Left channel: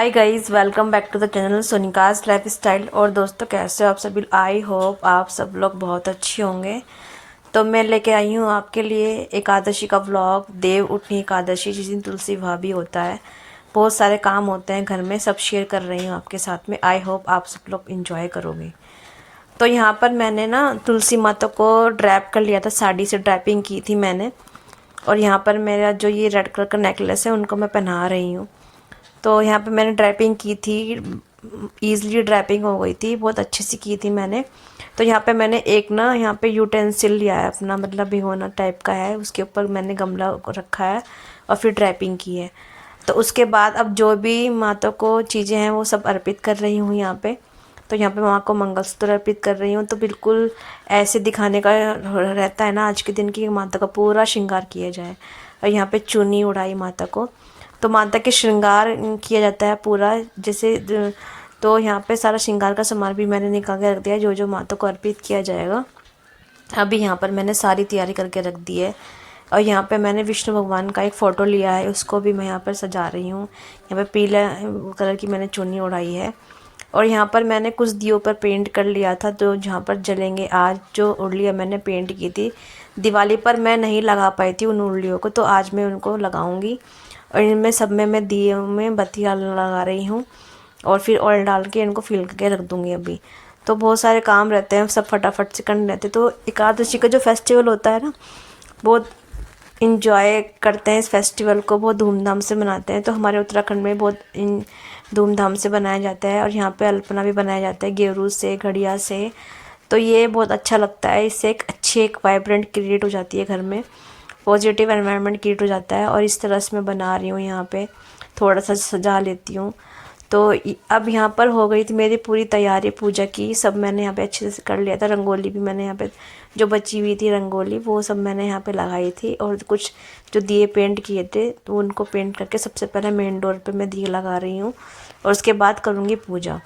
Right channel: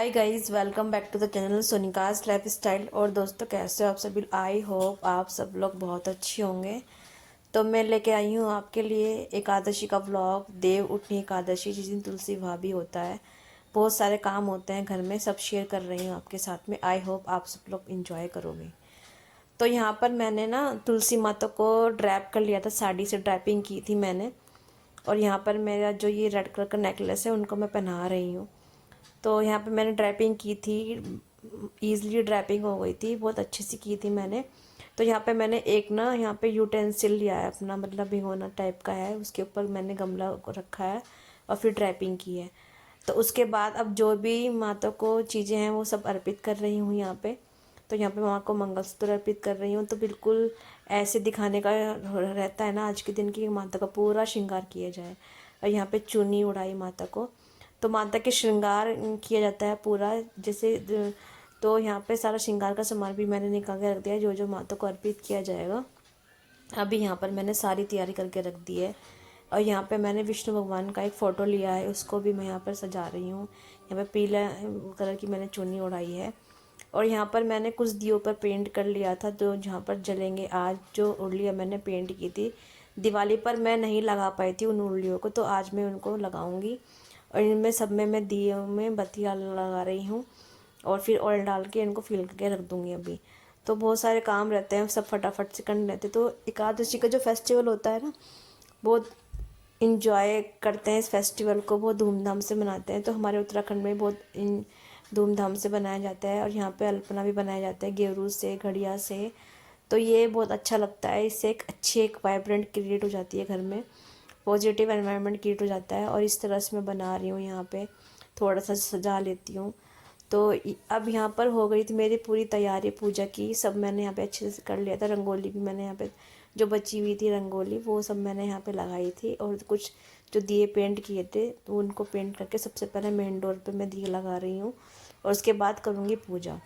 Hi guys, welcome back to the channel Sonika's लाइफ स्टाइल। और दोस्तों, कैसे हो आप सभी? आई होप आप सब लोग बहुत अच्छे होंगे। तो मैं लेके आई हूँ आपके लिए एकादशी का व्लॉग। देव उठनी एकादशी, जिस दिन तुलसी विवाह भी होता है। बहुत सारे काम होते हैं घर में, सब शेयर कर रही हूँ आपके साथ में। आई होप आप सब लोग इंजॉय करोगे। तो यहाँ पर मैंने ना तुलसी माता को ड्रैप कर लिया था, साड़ी से ड्रैपिंग की थी मैंने। और यहाँ पर मेरा जो ये रेड कलर का नेकलेस है उनको मैं पहना रही हूँ। तो यहाँ पे मैंने ड्रैपिंग की थी, ईज़िली ड्रैपिंग हो गई थी, बहुत अच्छे से की थी मैंने। तो यहाँ पे मैंने एक ना यहाँ पे यूटेंसिल लिया है अपना, मतलब भिगोना टाइप का है, उसके ऊपर मैंने गमला रखा है और फिर ड्रैपिंग की है। तो उसके बाद अब जो भी माता को चीज़ें हैं वो सब अर्पित कर रही हूँ यहाँ पे। तो यहाँ पे माँ को मंगलसूत्र अर्पित कर रही हूँ। तो बिल्कुल ऐसे दिखाने का रहता है ना आज के दिन की, माता का पूरा श्रृंगार किया जाए। और यहाँ पे चुन्नी उड़ाई माता को, तो माता के श्रृंगार किया जाता है पूरा जैसे। तो यहाँ पे सारा श्रृंगार का सामान भी मैंने निकाल के रख दिया है, जो जो माता को अर्पित किया जाएगा। अभी यहाँ पर मैंने सारी तैयारी करके रख दी है। और यहाँ पे मैंने विष्णु भगवान का एक फ़ोटो लिया है, उसको भी मैं यहाँ पर सजा रही हूँ। यहाँ पे पीला कलर की मैंने चुन्नी उड़ाई है। और यहाँ पर मैंने कुछ दियों पर पेंट कर लिया था, तो जहाँ पर जलेंगे आज, जो उर्लियाँ मैंने पेंट की थी दिवाली पर, मैं नहीं लगा पाई थी उन उर्लियों को, तो आज मैं उनको लगाऊंगी। और इनमें सब में मैं दिए में बत्तियाँ लगा रही हूँ और फिर ऑयल डाल के इनको फिल करके रख दूँगी अभी। तो बहुत सारे काम रहते हैं, सब फटाफट से करने रहते हैं। तो एकादशी का जो फेस्टिवल होता है ना, बहुत इंजॉय करते हैं इस फेस्टिवल को, बहुत धूमधाम से मनाते हैं। तो हमारे उत्तराखंड में बहुत धूमधाम से बनाया जाता है। और यहाँ पे अल्पना भी बनाया जाता है गेरू से, घड़िया से। तो ये बहुत अच्छा लगता है, इससे एक अच्छी एक वाइब्रेंट क्रिएट हो जाती है घर में, पॉजिटिव एनवायरनमेंट क्रिएट हो जाता है। और इस तरह से मैं बना रही हूँ, यहाँ पे थोड़ा सा सजा लेती हूँ। तो अब यहाँ पर हो गई थी मेरी पूरी तैयारी पूजा की, सब मैंने यहाँ पे अच्छे से कर लिया था। रंगोली भी मैंने यहाँ पे, जो बची हुई थी रंगोली, वो सब मैंने यहाँ पे लगाई थी। और कुछ जो दिए पेंट किए थे तो उनको पेंट करके सबसे पहले मेन डोर पे मैं दिए लगा रही हूँ। और उसके बाद करूँगी पूजा।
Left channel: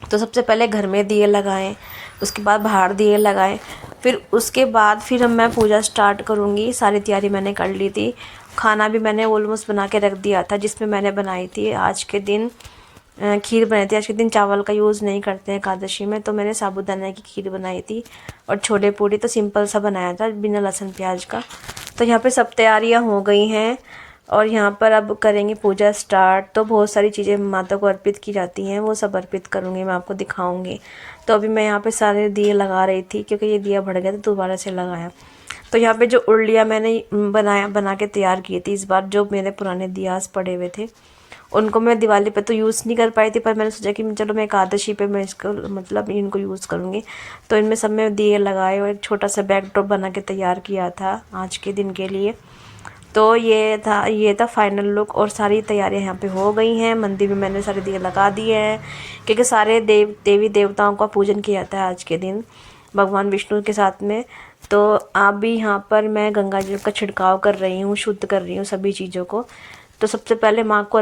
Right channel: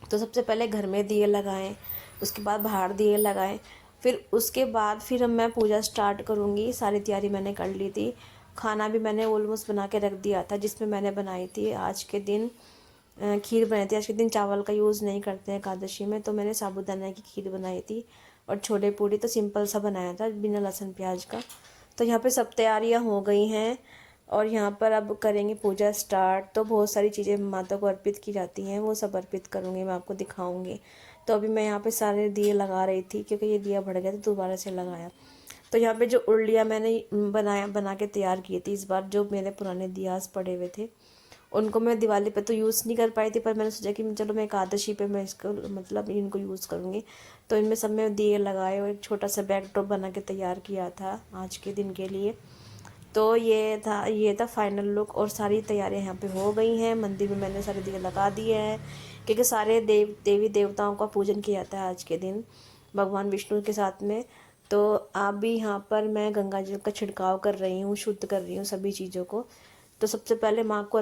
तो सबसे पहले घर में दिए लगाएं, उसके बाद बाहर दिए लगाएं, फिर उसके बाद फिर हम मैं पूजा स्टार्ट करूँगी। सारी तैयारी मैंने कर ली थी। खाना भी मैंने ऑलमोस्ट बना के रख दिया था, जिसमें मैंने बनाई थी आज के दिन खीर बनाई थी। आज के दिन चावल का यूज़ नहीं करते हैं एकादशी में, तो मैंने साबूदाना की खीर बनाई थी। और छोले पूड़ी तो सिंपल सा बनाया था बिना लहसुन प्याज का। तो यहाँ पे सब तैयारियाँ हो गई हैं और यहाँ पर अब करेंगे पूजा स्टार्ट। तो बहुत सारी चीज़ें माता को अर्पित की जाती हैं, वो सब अर्पित करूँगी, मैं आपको दिखाऊँगी। तो अभी मैं यहाँ पे सारे दिए लगा रही थी, क्योंकि ये दिया बढ़ गया तो दोबारा से लगाया। तो यहाँ पे जो उर्लियाँ मैंने बना के तैयार की थी इस बार, जो मेरे पुराने दियास पड़े हुए थे, उनको मैं दिवाली पे तो यूज़ नहीं कर पाई थी, पर मैंने सोचा कि चलो मैं एकादशी पे मैं इसको मतलब इनको यूज़ करूँगी। तो इनमें सब में दिए लगाए और एक छोटा सा बैकड्रॉप बना के तैयार किया था आज के दिन के लिए। तो ये था फाइनल लुक। और सारी तैयारियां यहाँ पे हो गई हैं। मंदिर में मैंने सारे दिए लगा दिए हैं, क्योंकि सारे देवी देवताओं का पूजन किया जाता है आज के दिन भगवान विष्णु के साथ में। तो आप भी यहाँ पर मैं गंगा जल का छिड़काव कर रही हूँ, शुद्ध कर रही हूँ सभी चीज़ों को। तो सबसे पहले माँ को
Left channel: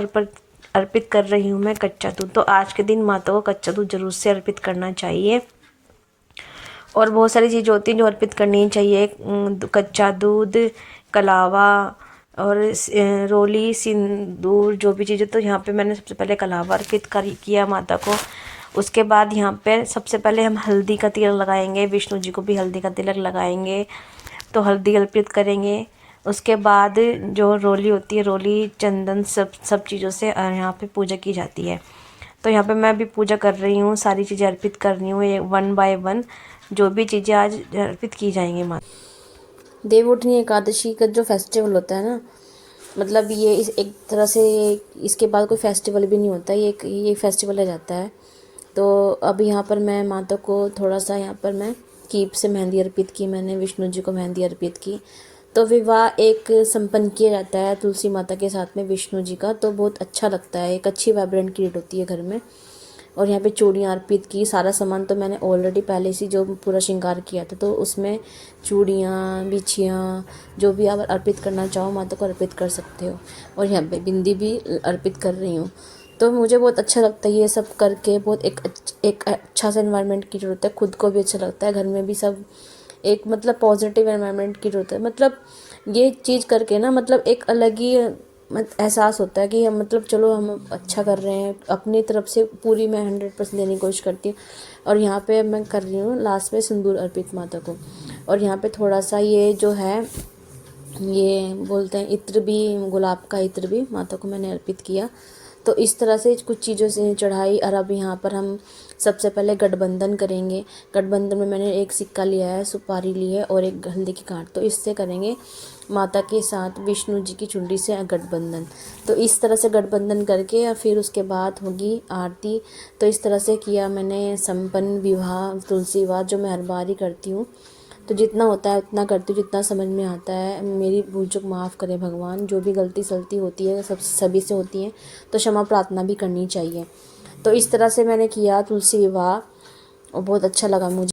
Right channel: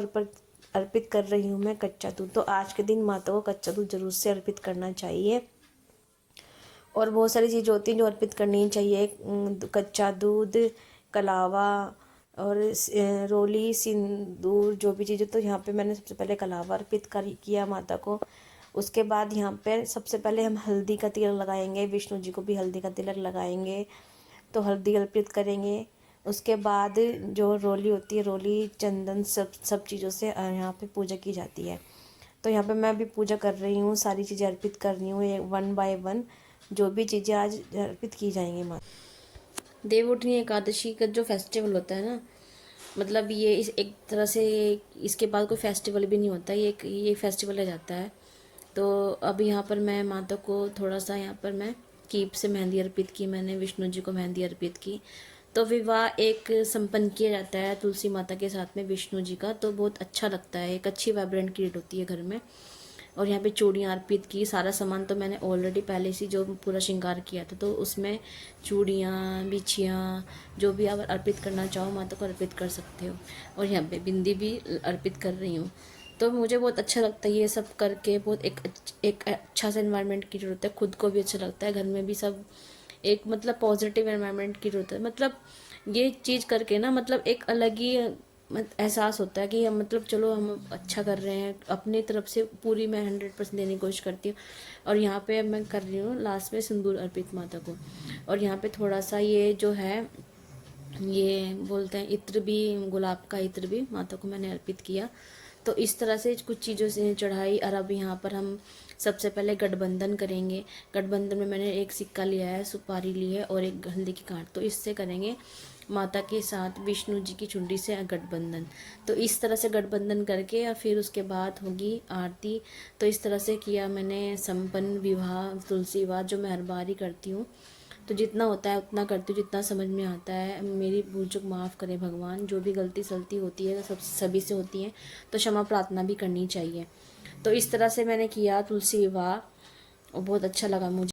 अर्पित कर रही हूँ मैं कच्चा दूध। तो आज के दिन माता को कच्चा दूध जरूर से अर्पित करना चाहिए। और बहुत सारी चीज़ें होती हैं जो अर्पित करनी चाहिए, कच्चा दूध, कलावा और रोली, सिंदूर, जो भी चीज़ें। तो यहाँ पे मैंने सबसे पहले कलावा अर्पित किया माता को। उसके बाद यहाँ पे सबसे पहले हम हल्दी का तिलक लगाएंगे, विष्णु जी को भी हल्दी का तिलक लगाएंगे। तो हल्दी अर्पित करेंगे। उसके बाद जो रोली होती है, रोली, चंदन, सब चीज़ों से यहाँ पे पूजा की जाती है। तो यहाँ पे मैं भी पूजा कर रही हूँ, सारी चीज़ें अर्पित कर रही हूँ, ये 1 बाय 1 जो भी चीज़ें आज अर्पित की जाएंगी माँ। देवउठनी एकादशी का जो फेस्टिवल होता है ना, मतलब ये इस एक तरह से इसके बाद कोई फेस्टिवल भी नहीं होता, ये फेस्टिवल रह जाता है। तो अब यहाँ पर मैं माता को थोड़ा सा, यहाँ पर मैं कीप से मेहंदी अर्पित की, मैंने विष्णु जी को मेहंदी अर्पित की। तो विवाह एक संपन्न किया जाता है तुलसी माता के साथ में विष्णु जी का, तो बहुत अच्छा लगता है, एक अच्छी वाइब्रेंट क्रिएट होती है घर में। और यहाँ पे चूड़ियाँ अर्पित की, सारा सामान तो मैंने ऑलरेडी पहले से जो पूरा श्रृंगार किया था, तो उसमें चूड़ियाँ, बिछियाँ, जो भी आप अर्पित करना चाहो माता को अर्पित कर सकते हो। और यहाँ पे बिंदी भी अर्पित कर रही हूँ। तो मुझे बहुत अच्छा लगता है ये सब करके, बहुत एक अच्छा सा एनवायरनमेंट की जरूरत है, खुद को भी अच्छा लगता है, घर में भी सब एक मतलब पॉजिटिव एनवायरनमेंट की जरूरत है। मतलब ये चीज़ करके ना, मतलब एक अलग ही एहसास होता है कि हम मतलब चलो हम अच्छा कर रहे हैं, अपनी तरफ से पूरी मैं 100% देने की कोशिश करती हूँ। और यहाँ पे मैं कर रही हूँ लास्ट में सिंदूर अर्पित माता को। और यहाँ पे थोड़ा सा ये जो है, ये बोलते हैं इत्र भी, गुलाब का इत्र भी माता को मैंने अर्पित किया। तो इस तरह से कुछ चीज़ों से चढ़ाई। और अब यहाँ पर हम सबसे पहले गठबंधन करेंगे। गठबंधन में मैंने एक सिक्का लिया है, सुपारी ली है और एक हल्दी की गांठ। तो इससे करेंगे माता के साथ विष्णु जी की चुंडी से गठबंधन। तो इस तरह से गठबंधन करके और फिर उसके बाद होगी आरती। तो इस तरह से किया मैंने संपन्न विवाह तुलसी विवाह, जो मैं हर बार ही करती हूँ। तो जितना होता है उतना करती हूँ, जितना समझ में आता है। मेरी भूल चूक माफ़ करे भगवान, जो भी गलती सलती होती है सभी से होती है, तो क्षमा प्रार्थना भी करनी चाहिए। तो इस तरह से मैंने किया तुलसी विवाह और बहुत अच्छा लगा मुझे।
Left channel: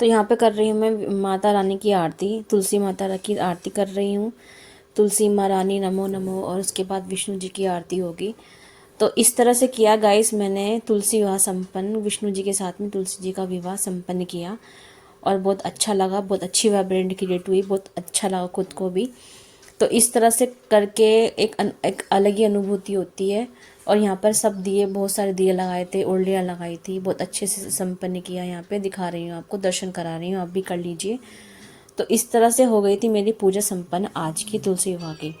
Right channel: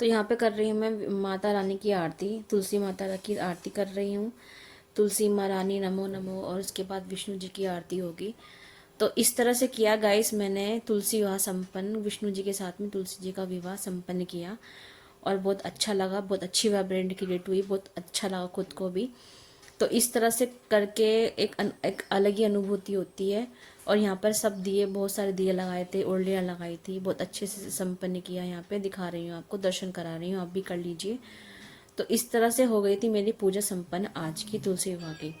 तो यहाँ पे कर रही हूँ मैं माता रानी की आरती, तुलसी माता की आरती कर रही हूँ। तुलसी माँ रानी नमो नमो, और उसके बाद विष्णु जी की आरती होगी। तो इस तरह से किया गाइस, मैंने तुलसी विवाह संपन्न, विष्णु जी के साथ में तुलसी जी का विवाह संपन्न किया। और बहुत अच्छा लगा, बहुत अच्छी वाइब्रेंट क्रिएट हुई, बहुत अच्छा लगा खुद को भी। तो इस तरह से करके एक अलग ही अनुभूति होती है। और यहाँ पर सब दिए, बहुत सारे दिए लगाए थे, उल्लियाँ लगाई थी, बहुत अच्छे से संपन्न किया। यहाँ पे दिखा रही हूँ आपको, दर्शन करा रही हूँ, आप भी कर लीजिए। तो इस तरह से हो गई थी मेरी पूजा संपन्न आज की तुलसी विवाह की।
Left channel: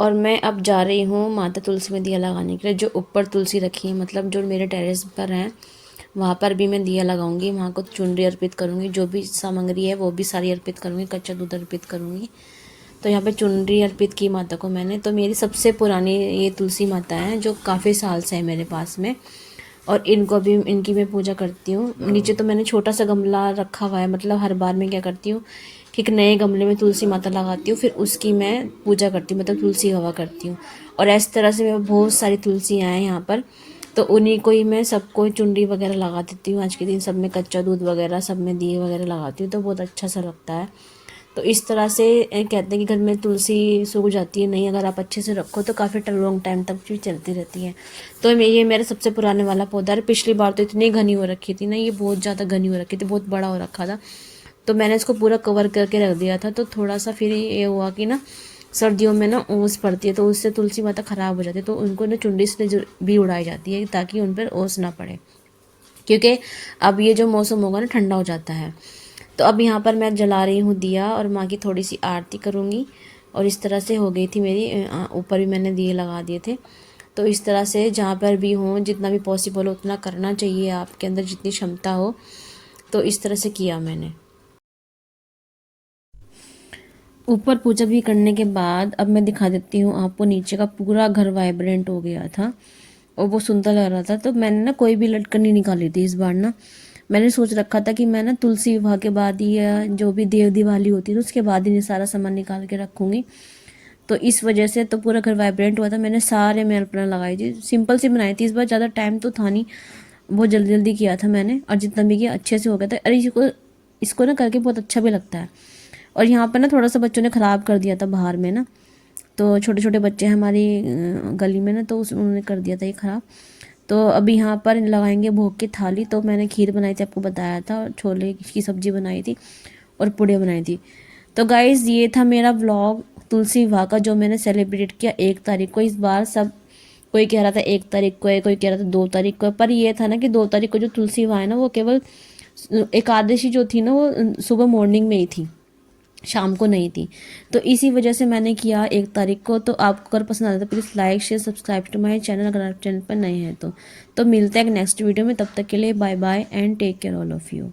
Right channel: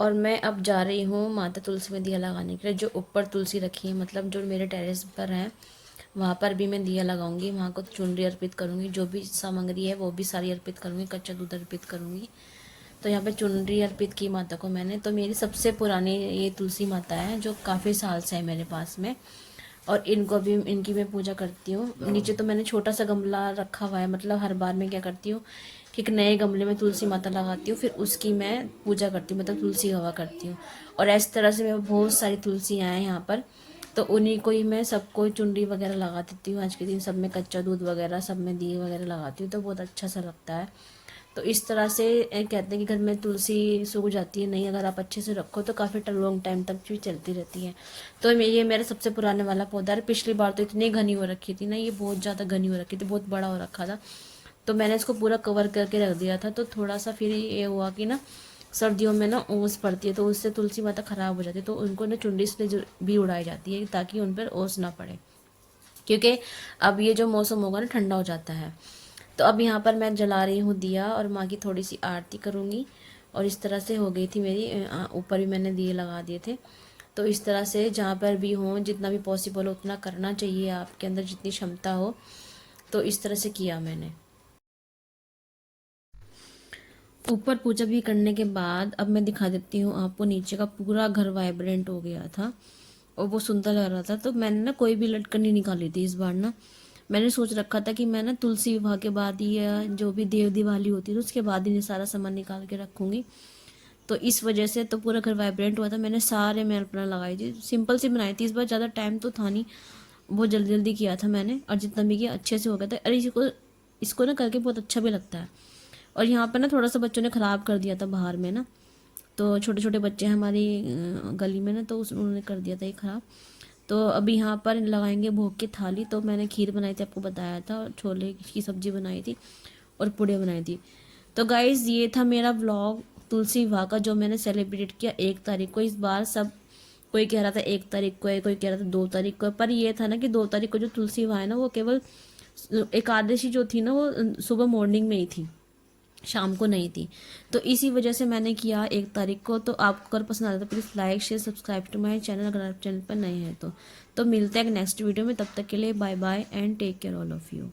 और मैं अब जा रही हूँ माता तुलसी में दिया लगाने के लिए। जो ऊपर तुलसी रखी है, मतलब जो मेरे टेरेस पर हैं, वहाँ पर भी मैं दिया लगाऊंगी। वहाँ को चुनरी अर्पित करूँगी, जो भी सामग्री है वो भी सारी अर्पित करूँगी, कच्चा दूध अर्पित करूँगी। तो यहाँ पे चुनरी अर्पित की माता को मैंने। तो मेरी सबसे पुरानी ये तुलसी माता है, जो काफ़ी साल से है मेरे पास में। और इनको भी, इनकी मैं पूजा करती हूँ। नीचे तो मैंने छोटा सा गमला रखा हुआ है, मतलब हर बार मैं क्या करती हूँ कि एक नए गमले में तुलसी माता लगाती हूँ, फिर उसकी मैं पूजा करती हूँ, मतलब तुलसी हवा करती हूँ। और इस तरह से मैं बहुत सारी तुलसियाँ हैं यहाँ पर, तो उन्हीं को ही मैं सबको चुंडी वगैरह लगा देती हूँ। आज के दिन सब में कच्चा दूध वगैरह, सब में दिए वगैरह लगाती हूँ, तो बहुत अच्छा सा लगता है। तो इस तरह से कहते हैं कि घर में तुलसी सूख जाती है नहीं, अगर आप अच्छे से रखो तो काफ़ी लॉन्ग टाइम तक भी चलती रहती है। तो ये मेरा सबसे पुराने वाला पौधा है। पिछली बार तो इतनी घनी हो रखी थी ना, ये बहुत ज़्यादा घनी हो रखी थी, बहुत बड़ा हो रखा था। तो मैंने इसको पूरा कवर करके रख दिया था। तो थोड़ा सा फिर ये हुआ कि ना, सर्दियों में ना ओस पड़ती है, तो उससे तुलसी माता ख़राब हो जाती है, तो उनको ना चुंडी से भी उड़ाई जाती है, ताकि उन पर ओस ना पड़े, क्योंकि अब ये जो मौसम होगा ना, ठंडा हो जाता है। तो अब यहाँ पर मैं जला रही हूँ दिया, और माँ की थोड़ी सी आरती करूँगी। और इस तरह से हो गई थी मेरी, ऊपर भी मैंने दिए लगा दिए थे। तो इस तरह से जहाँ पर भी हो, जितना भी पॉसिबल हो उतना करना चाहिए, आपके अंदर जितनी क्षमता हो। तो इस तरह से किया मैंने। ऊपर पूजा भी करने के बाद अब मैं दिखा देती हूँ आपको, नीचे का पूरा घर वाइब्रेंट हो गया था और वो सुंदर लग रहा था। तो मैंने ना कोई भी लटकन नहीं निकाली थी इस बार ना। मैंने सोच रखा था कि मैं ना तुलसी विवाह के बाद ही, या जो भी देव दिवाली होती है उसके बाद ही सारा सामान निकाल के रखूँगी। तो इस वजह से तो पूरा घर वाइब्रेंट हुआ था। मैंने सारे मैं अपना लगाई थी, सिंपल सी बनाई थी इस बार, ज़्यादा टाइम तो था नहीं, बहुत जल्दी जल्दी किया था मैंने। और जितना भी किया अच्छे से हो गया था। अरे इसको ना करके बहुत अच्छा भी लगता है। और यहाँ पर ना थोड़ा सा बच्चों ने ख़राब कर दिया था बाहर में ना, तो छोटे छोटे बच्चे हैं हमारी गली में ना, तो उन्होंने कर दिया था ये ख़राब। तो अभी यहाँ पर लगाएंगे भोग की थाली। तो मैंने खीर बनाई थी, आपको बताया था, और छोले की सब्ज़ी बनाई थी और पूड़ियाँ बनाई थी। तो गाइज़ ये था मेरा व्लॉग तुलसी विवाह का, जो मैंने सेलिब्रेट किया 1 तारीख को। इस बार सब कोई कह रहा था 1 तारीख को है, कोई कह रहा था 2 तारीख को है, पर ये था ना कि 2 तारीख को जो तुलसी विवाह है ना, वो केवल एकादशी जो थी ना, वो सुबह मॉर्निंग में ही थी, शाम को नहीं थी। तो इसी वजह से मैंने किया 1 तारीख को। तो आपको अगर पसंद आता है तो please like share subscribe to my channel, अगर आप चैनल पर नए हैं तो मिलते हैं नेक्स्ट वीडियो में। तब तक के लिए bye bye and take care all of you.